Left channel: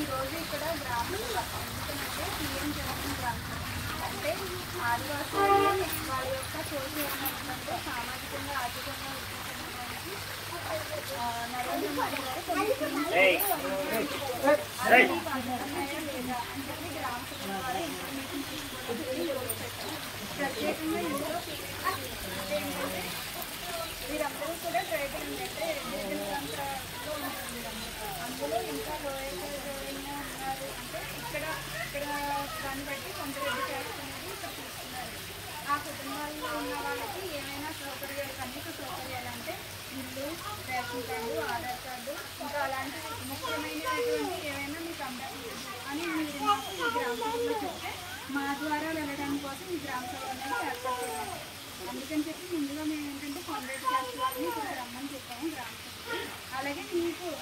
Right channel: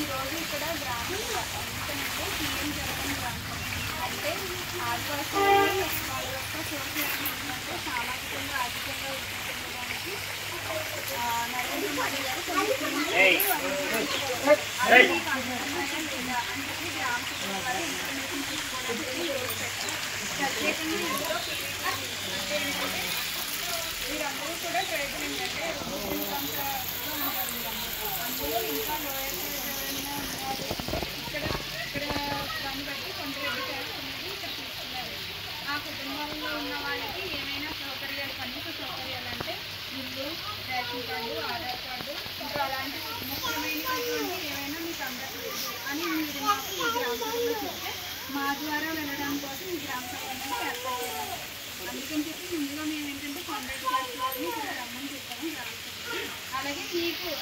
ఈరోజు ఇక్కడ గ్రామ సభ ఎందుకంటే సీఎం జగన్ గ్రామ సభ అంటే ఆదివాసులు వాళ్ళ యొక్క సోషల్ అంటే సామాజికంగా ఆర్థికంగా వృద్ధి చెందడానికి నరేంద్ర మోడీ గారు కొన్ని లేదా అని చెప్పి గ్రామ సభ ద్వారా ఇన్ఫర్మేషన్ తీసుకోవడానికి ప్రత్యేకంగా ఇందులో ఏంటంటే వీరందరూ కూడా ట్రైబల్ ఏంటంటే ప్రాంతాల్లో ఉంటారు. అందులో ఇంకా లోయర్ ఎవరైనా ఉన్నారు అంటే ఇక్కడ దాన్ని బట్టి కొండరెడ్డి క్యాస్ట్ అనేది ఇక్కడ తీసుకున్నారు. ఆ కుటుంబాల్లో ఉన్న వాళ్ళకి ఏమైనా సౌకర్యాలు కనీస సౌకర్యాలు అంటే ఇల్లు, రేషన్ కార్డు, ఆధార్ కార్డు ఇంకా అలాంటి ముఖ్యమైనటువంటి ఏమైనా మీకు అందలేదు అని మీరు మాకు ఈ గ్రామ సభలో చెప్తే మా ద్వారా వెళ్ళడం కోసం ఈ గ్రామ సభ అనేది ఏర్పాటు చేయాలి. అందుకని చెప్పి ముందుగా మేము ఏంటంటే కొండరెడ్డి క్యాస్ట్ వాళ్ళని ఇక్కడ రమ్మని చెప్పాము గ్రామ సభకి.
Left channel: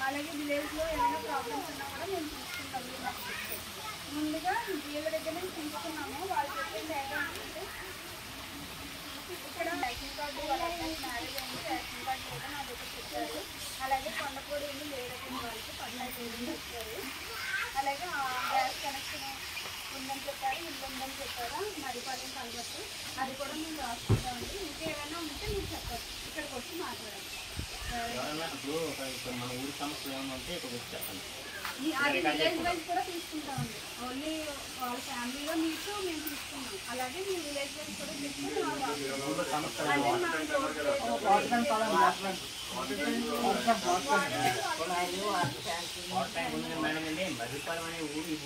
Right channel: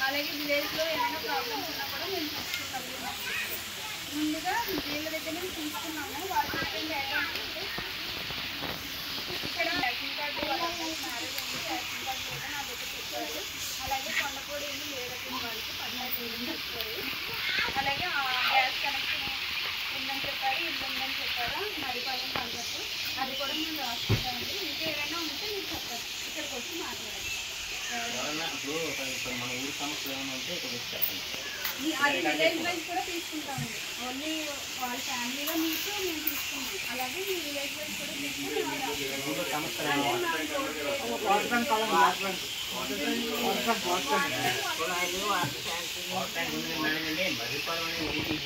అలాగే విలేజ్లో ఏమైనా ప్రాబ్లమ్స్ ఉన్నా కూడా మేము చూసుకుంటాము. ముందుగా వీళ్ళ దగ్గర మేము తీసుకున్నాము. వాళ్ళు చెప్పింది ఏంటంటే ఇక్కడ రేషన్ కార్డు వాళ్ళ మ్యారేజ్ అయింది, రేషన్ కార్డు లేదని నా దగ్గర చెప్పారు. అలాగే కొండపూడి ఇల్లు లేదని వాళ్ళకి 15,000 చెప్పారు. అలాగే గ్యాస్ కనెక్షన్ ఉందని చెప్పారు, ఇల్లు ఉందని చెప్పారు. మరిపాలెం కలగట్టు అది కూడా మేము రాసుకుంటామండి. ఇంకా ఏమైనా ఉంటే మీరు చెప్పారు, ఇక్కడికి వచ్చి మాట్లాడాలి. అది విలేజ్ వైజ్ కూడా తీసుకుంటామండి. ఓన్లీ వాళ్ళ ఫ్యామిలీలో మీకు మేము తీసుకున్నాం. అలాగే మీ విలేజ్ వైజ్ కూడా తీసుకుని మరిపాలెం అనే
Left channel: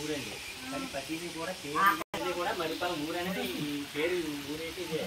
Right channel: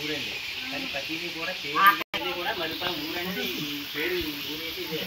ఊరండి, కానీ ప్రతిదీ కూడా పేరు కూడా మరిపాలెం ఊరు అనేది పేరు ఊరైతే ఇదే.